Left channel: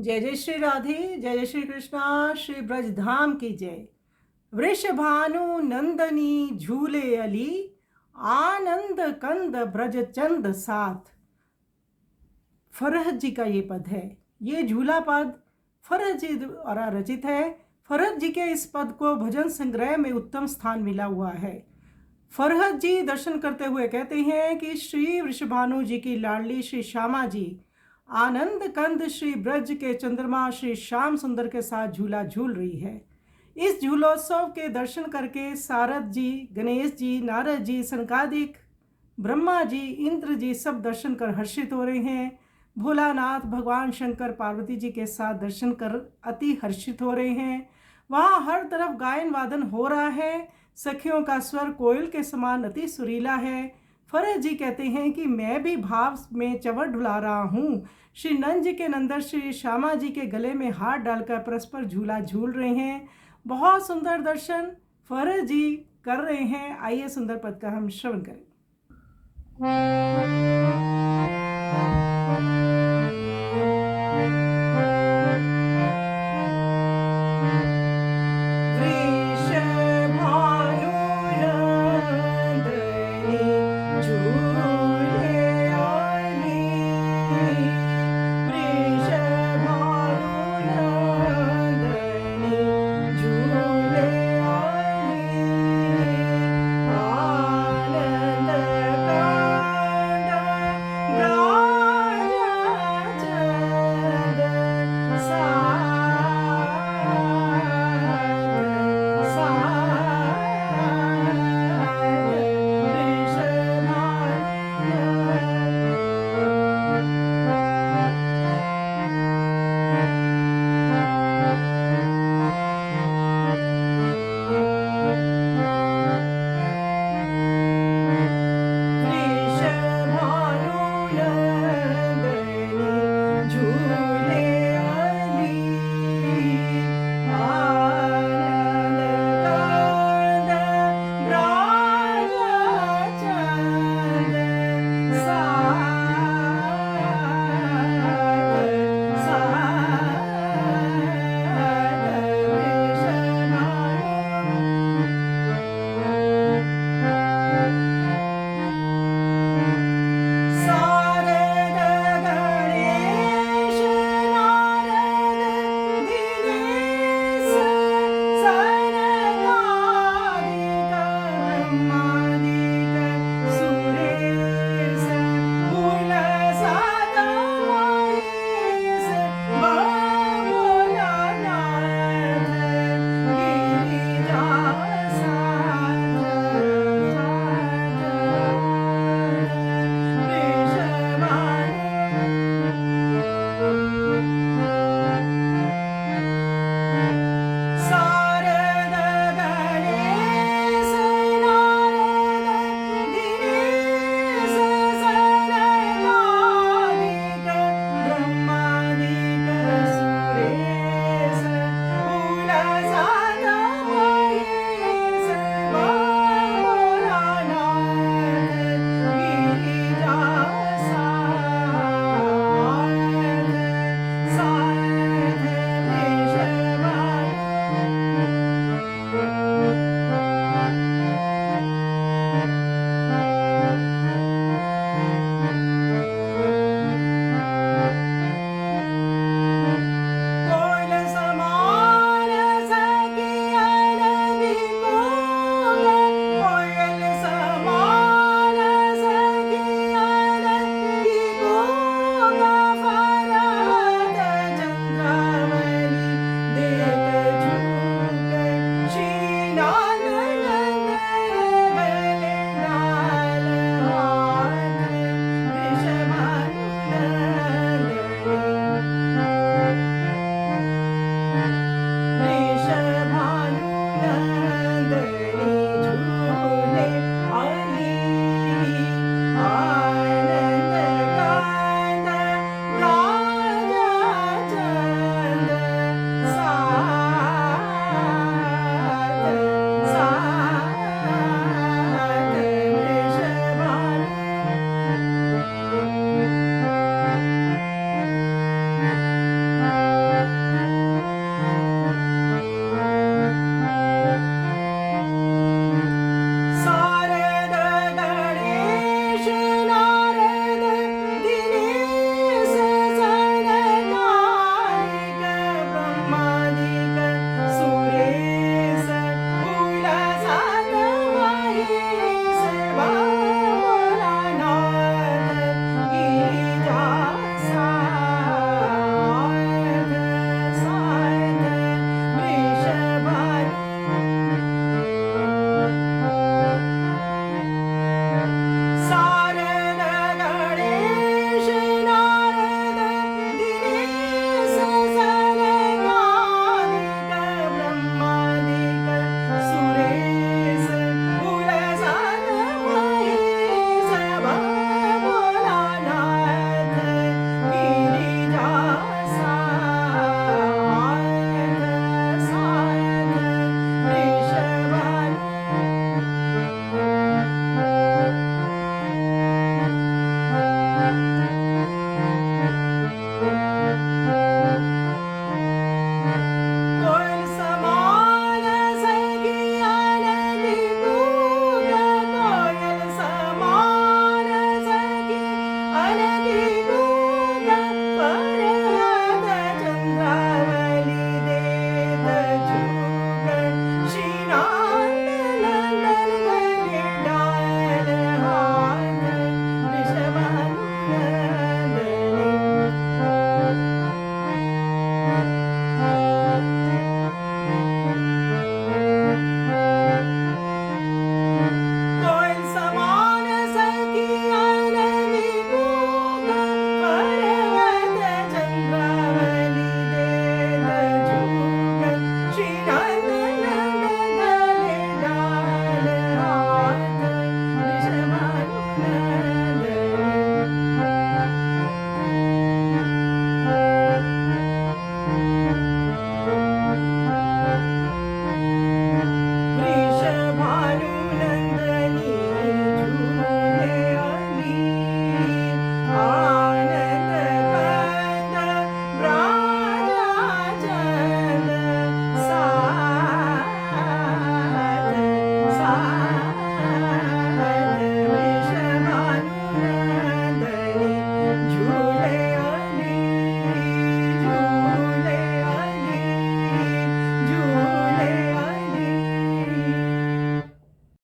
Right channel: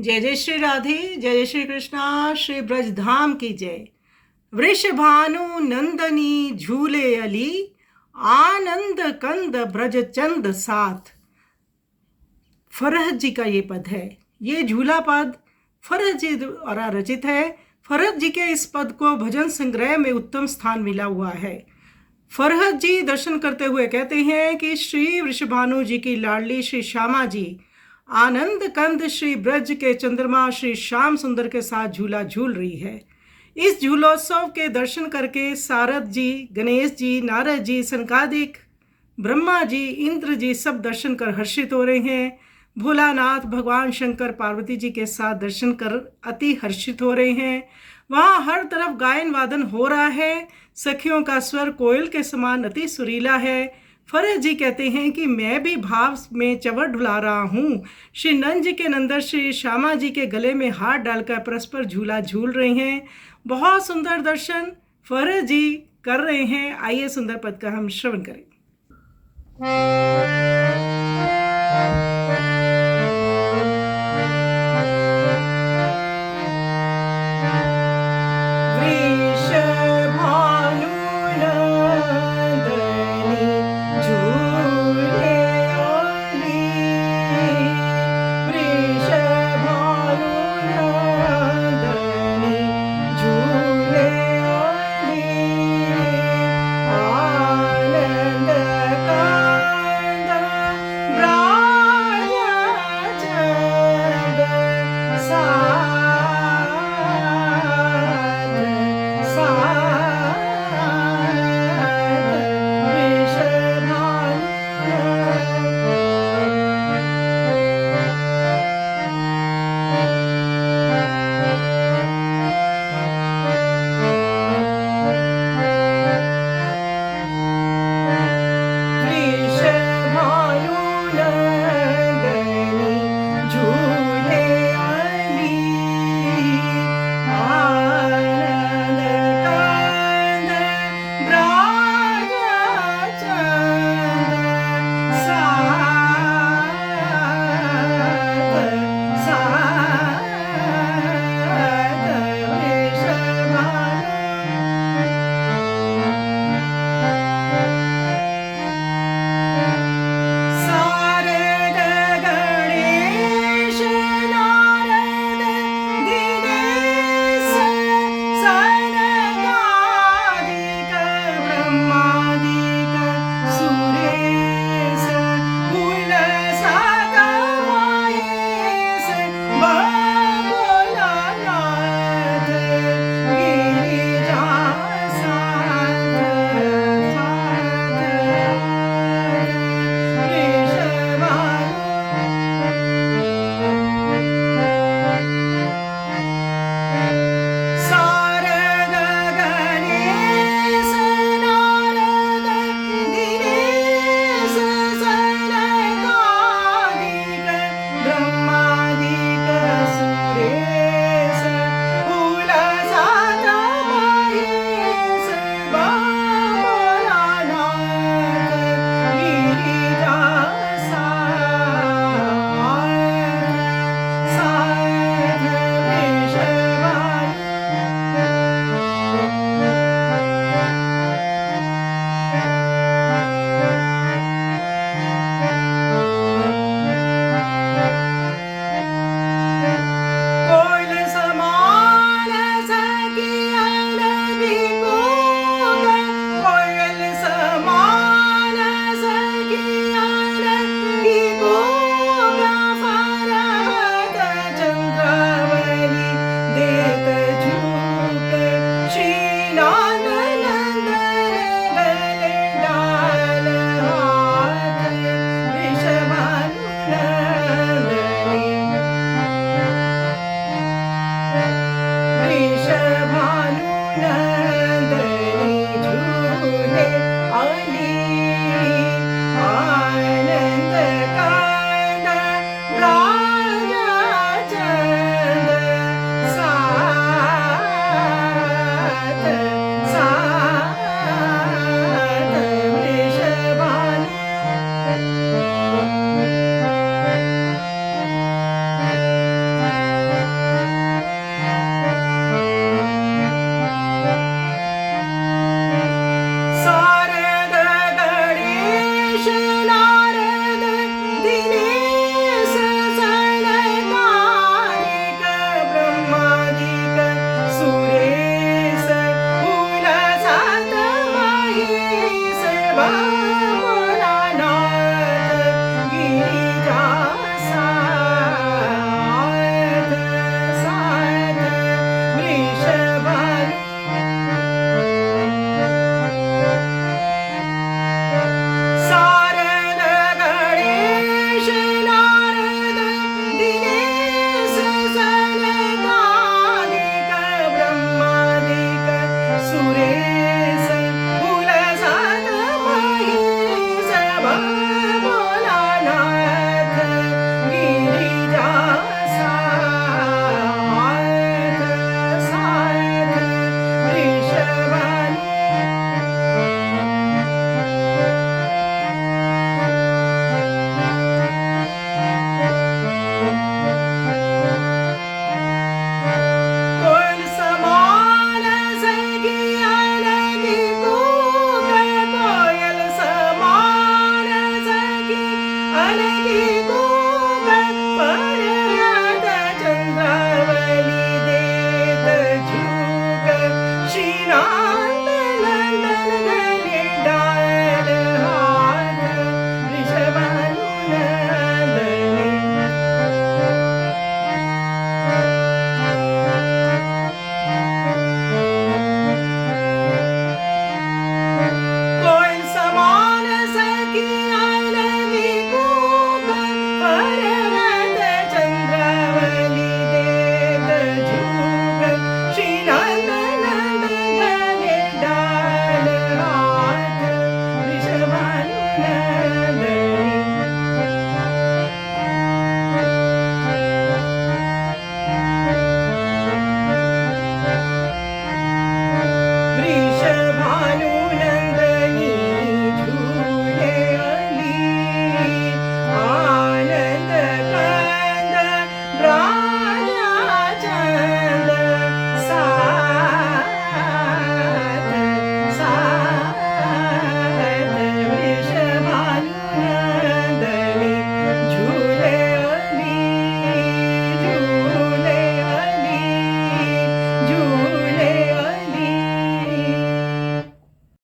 जय जय श्री राधे, जय जय श्री कृष्णा, श्री ब्रजधाम की जय। वृषभानु नंदनी झूले अली, आनंद कंद ब्रज चंद साथ। फरहत जी का ये पद है। ये झूला पद फरहत जी द्वारा रचित है। फरहत जी के इस पद को भजन संग्रह में उत्तम स्थान मिला हुआ है। फरहत जी दर्शन करते हुए कहते हैं कि श्री वृषभानु जी की लाडली श्री श्यामा जी आनंद कंद श्री ब्रज के चंद्रमा श्री श्याम सुंदर के साथ झूला झूल रही है। इस झूलोत्सव के दर्शन करके सारद जी, गणेश जी, नारद जी, सनकादिक, ब्रह्मा जी, इंद्र जी सब दर्शन कर हर्षित हो रहे हैं। भोलानाथ भगवान शंकर पार्वती जी के साथ दर्शन कर अति हर्षित हो रहे हैं। वहाँ हर तरफ गायन वादन हो रहा है। सखियों का स्वर कोयल के समान अति सुरीला है। फरहत जी कहते हैं कि मैं भी भाव में चवर ढुला रहा हूँ। श्री नंद जी के नंदन श्री श्यामा जी के गले में हाथ डालकर परस्पर झूला झूल रहे हैं। बहुत सुंदर दर्शन फरहत जी कर रहे हैं। आइए सुंदर पद का हम श्रवण करें।